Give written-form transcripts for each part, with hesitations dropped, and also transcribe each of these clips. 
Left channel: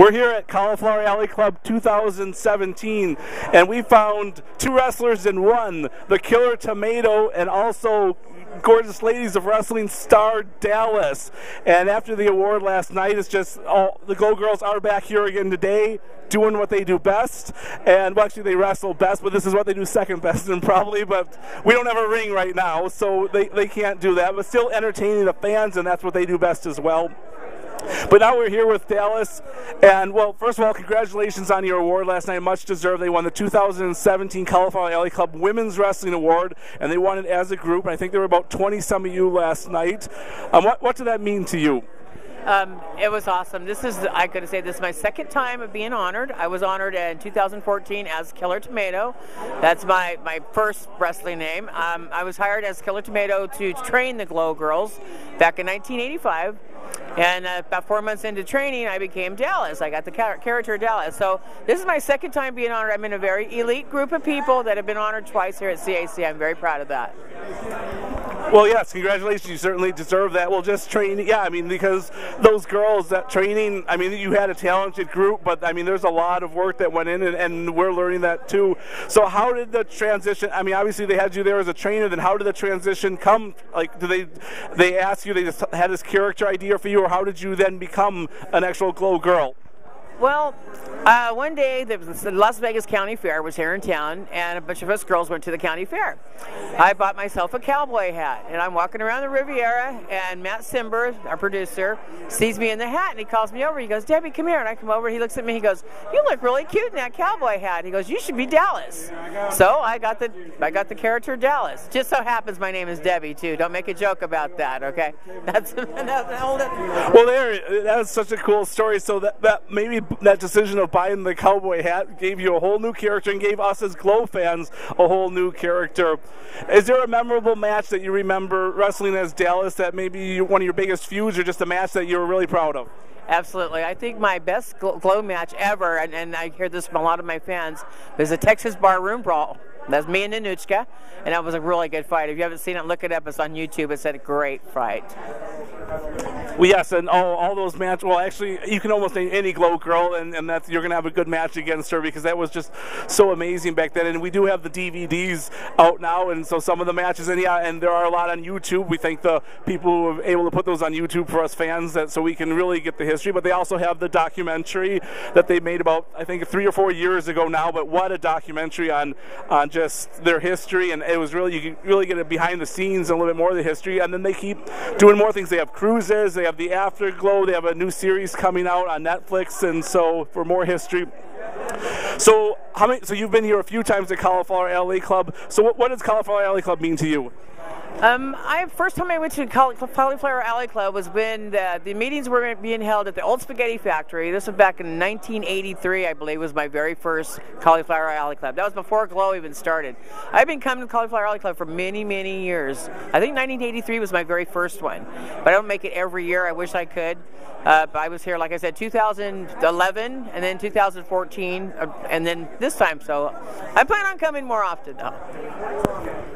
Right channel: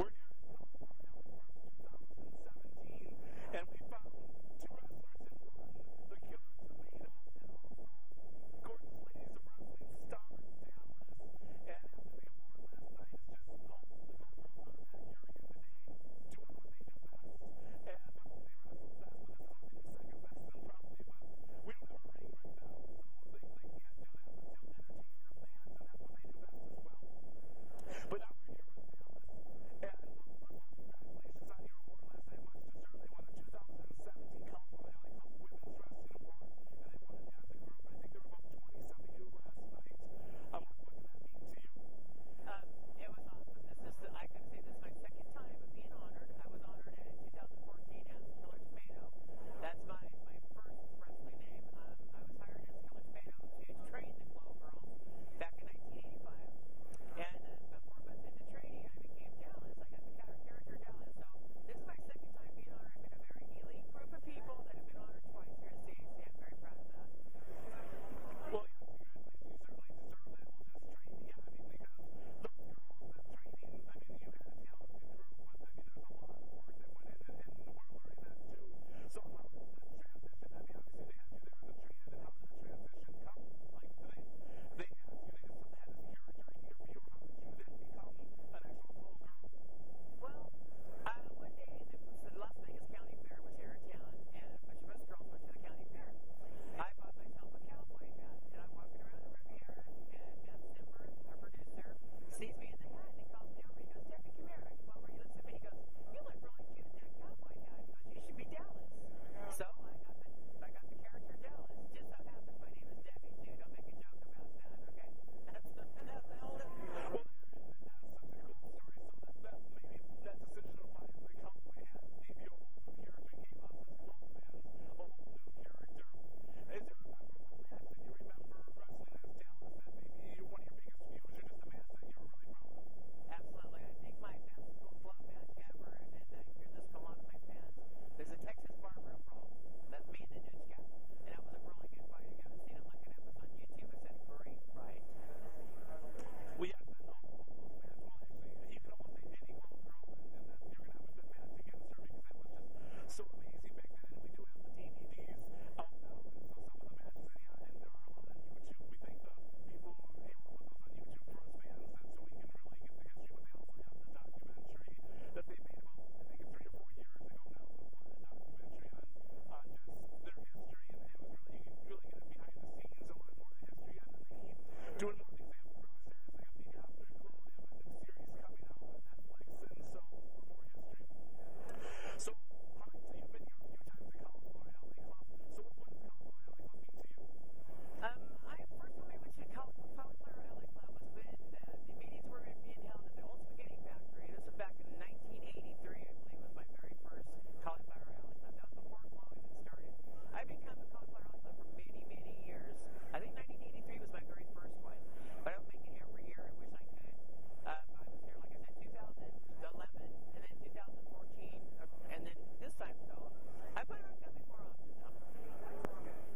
We're here at Cauliflower Alley Club 2017, and we found two wrestlers in one, the Killer Tomato and also Gorgeous Ladies of Wrestling star Dallas. And after the award last night, it's just the Glow Girls are back here again today, doing what they do best. And well, actually they wrestle best, but this is what they do second best and probably, but we don't have a ring right now, so they can't do that, but still entertaining the fans, and that's what they do best as well. But now we're here with Dallas, and well, first of all, congratulations on your award last night, much deserved. They won the 2017 Cauliflower Alley Club Women's Wrestling Award, and they won it as a group, and I think there were about 20-some of you last night. What did that mean to you? It was awesome. This is my second time of being honored. I was honored in 2014 as Killer Tomato. That's my first wrestling name. I was hired as Killer Tomato to train the Glow Girls back in 1985. And about 4 months into training, I became Dallas. I got the character Dallas. So this is my second time being honored. I'm in a very elite group of people that have been honored twice here at CAC. I'm very proud of that. Well, yes, congratulations. You certainly deserve that. Well, just training, yeah, I mean, because those girls, that training, I mean, you had a talented group, but, I mean, there's a lot of work that went in, and we're learning that, too. So how did the transition, I mean, obviously they had you there as a trainer, then how did the transition come? Like, did they ask you, they just had this character idea for you, or how did you then become an actual Glow Girl? Well, one day the Las Vegas County Fair was here in town, and a bunch of us girls went to the county fair. I bought myself a cowboy hat, and I'm walking around the Riviera, and Matt Simber, our producer, sees me in the hat, and he calls me over. He goes, "Debbie, come here." And I come over, he looks at me, he goes, "You look really cute in that cowboy hat." He goes, "You should be Dallas." So I got the character Dallas. Just so happens my name is Debbie, too. Don't make a joke about that, okay? Well, that's such a cool story. So that maybe that decision of buying the cowboy hat gave you a whole new character and gave us as Glow fans a whole new character. Is there a memorable match that you remember wrestling as Dallas that maybe one of your biggest feuds, or just a match that you were really proud of? Absolutely. I think my best Glow match ever, and I hear this from a lot of my fans, was the Texas Barroom Brawl. That's me and Nanuchka, and that was a really good fight. If you haven't seen it, look it up. It's on YouTube. It's a great fight. Well, yes, and all those matches, well, actually, you can almost name any Glow Girl, and you're going to have a good match against her, because that was just so amazing back then. And we do have the DVDs out now, and so some of the matches, and there are a lot on YouTube. We thank the people who are able to put those on YouTube for us fans, so we can really get the history. But they also have the documentary that they made about, I think, 3 or 4 years ago now, but what a documentary on just their history, and it was really, you can really get it behind the scenes and a little bit more of the history. And then they keep doing more things. They have cruises, they have the Afterglow, they have a new series coming out on Netflix, and so for more history. So so you've been here a few times at Cauliflower Alley Club. So what does Cauliflower Alley Club mean to you? First time I went to Cauliflower Alley Club was when the meetings were being held at the Old Spaghetti Factory. This was back in 1983, I believe, was my very first Cauliflower Alley Club. That was before Glow even started. I've been coming to Cauliflower Alley Club for many, many years. I think 1983 was my very first one, but I don't make it every year. I wish I could. But I was here, like I said, 2011, and then 2014, and then this time. So I plan on coming more often, though.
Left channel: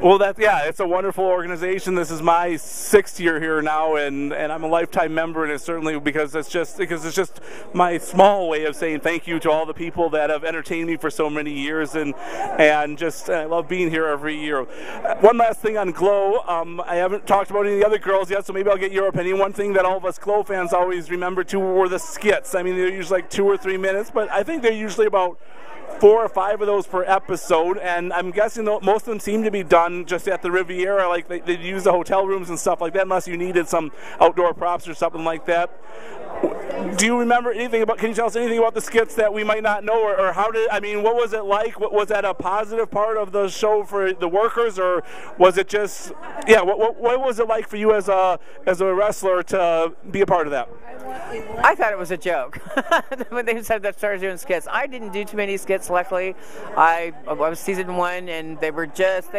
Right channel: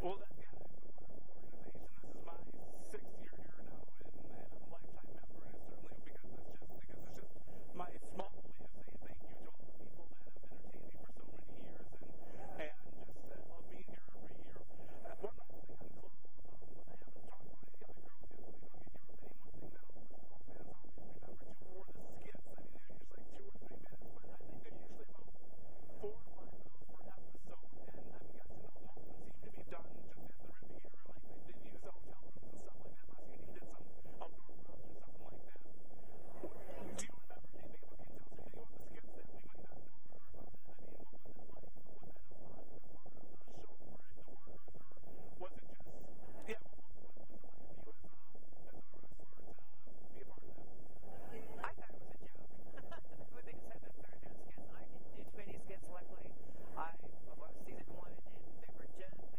Well, it's a wonderful organization. This is my 6th year here now, and I'm a lifetime member, and it's certainly because it's just my small way of saying thank you to all the people that have entertained me for so many years, and I love being here every year. One last thing on Glow. I haven't talked about any of the other girls yet, so maybe I'll get your opinion. One thing that all of us Glow fans always remember too were the skits. I mean, they're usually like 2 or 3 minutes, but I think they're usually about 4 or 5 of those per episode, and I'm guessing most of them seem to be done just at the Riviera, like they use the hotel rooms and stuff like that, unless you needed some outdoor props or something like that. Do you remember anything about, can you tell us anything about the skits that we might not know, or what was it like? Was that a positive part of the show for the workers, or was it just, what was it like for you as a wrestler to be a part of that? I thought it was a joke when they said that started doing skits. I didn't do too many skits, luckily. I was season 1, and they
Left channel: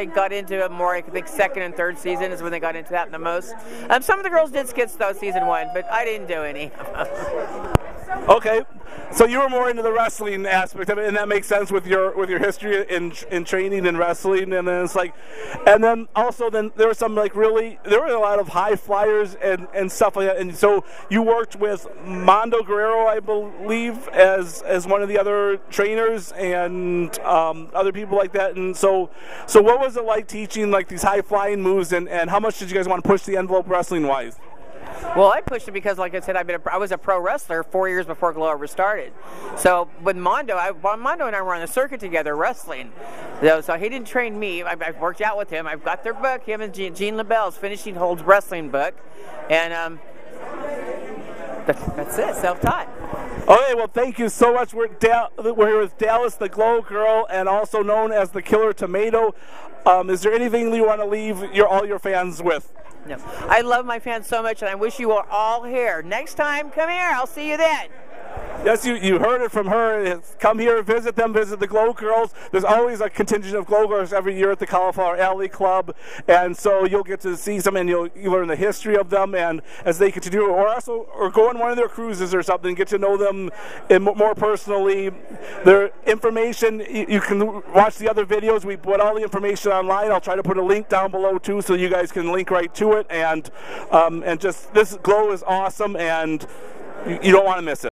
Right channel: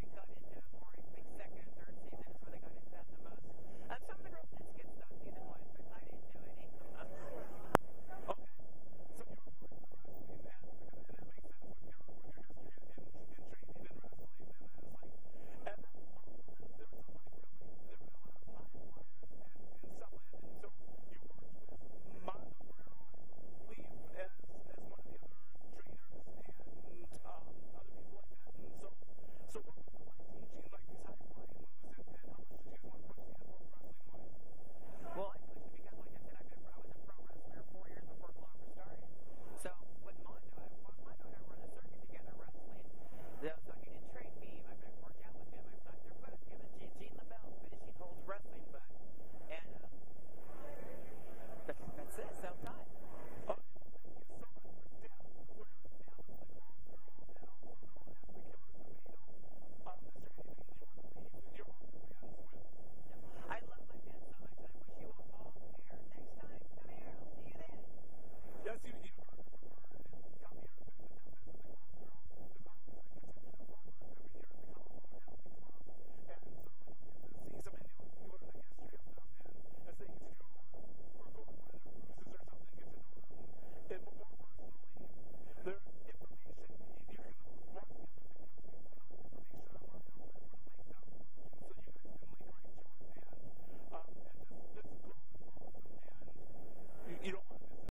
got into it more. I think 2nd and 3rd season is when they got into that the most. Some of the girls did skits though season 1, but I didn't do any. Okay. So you were more into the wrestling aspect of it, and that makes sense with your history in training and wrestling. And then it's like, and then also then there were some like there were a lot of high flyers and stuff like that. And so you worked with Mondo Guerrero, I believe, as one of the other trainers and other people like that. And so what was it like teaching like these high flying moves, and how much did you guys want to push the envelope wrestling wise? Well, I pushed it because, like I said, I was a pro wrestler 4 years before Glow ever started. So with Mondo, Mondo and I were on the circuit together wrestling. So he didn't train me. I've worked out with him. I've got their book. Him and Gene LaBelle's Finishing Holds Wrestling book. And that's it, self-taught. Okay, well, thank you so much. We're here with Dallas, the Glow Girl, and also known as the Killer Tomato. Is there anything you want to leave all your fans with? No. I love my fans so much, and I wish you were all here. Next time, come here. I'll see you then. Yes, you heard it from her. Come here, visit them, visit the Glow Girls. There's always a contingent of Glow Girls every year at the Cauliflower Alley Club, and so you'll get to see some, and you learn the history of them, and as they continue, or go on one of their cruises or something, get to know them more personally. Their information, you can watch the other videos. We put all the information online. I'll try to put a link down below too, so you guys can link right to it. And just this Glow is awesome, and you don't want to miss it.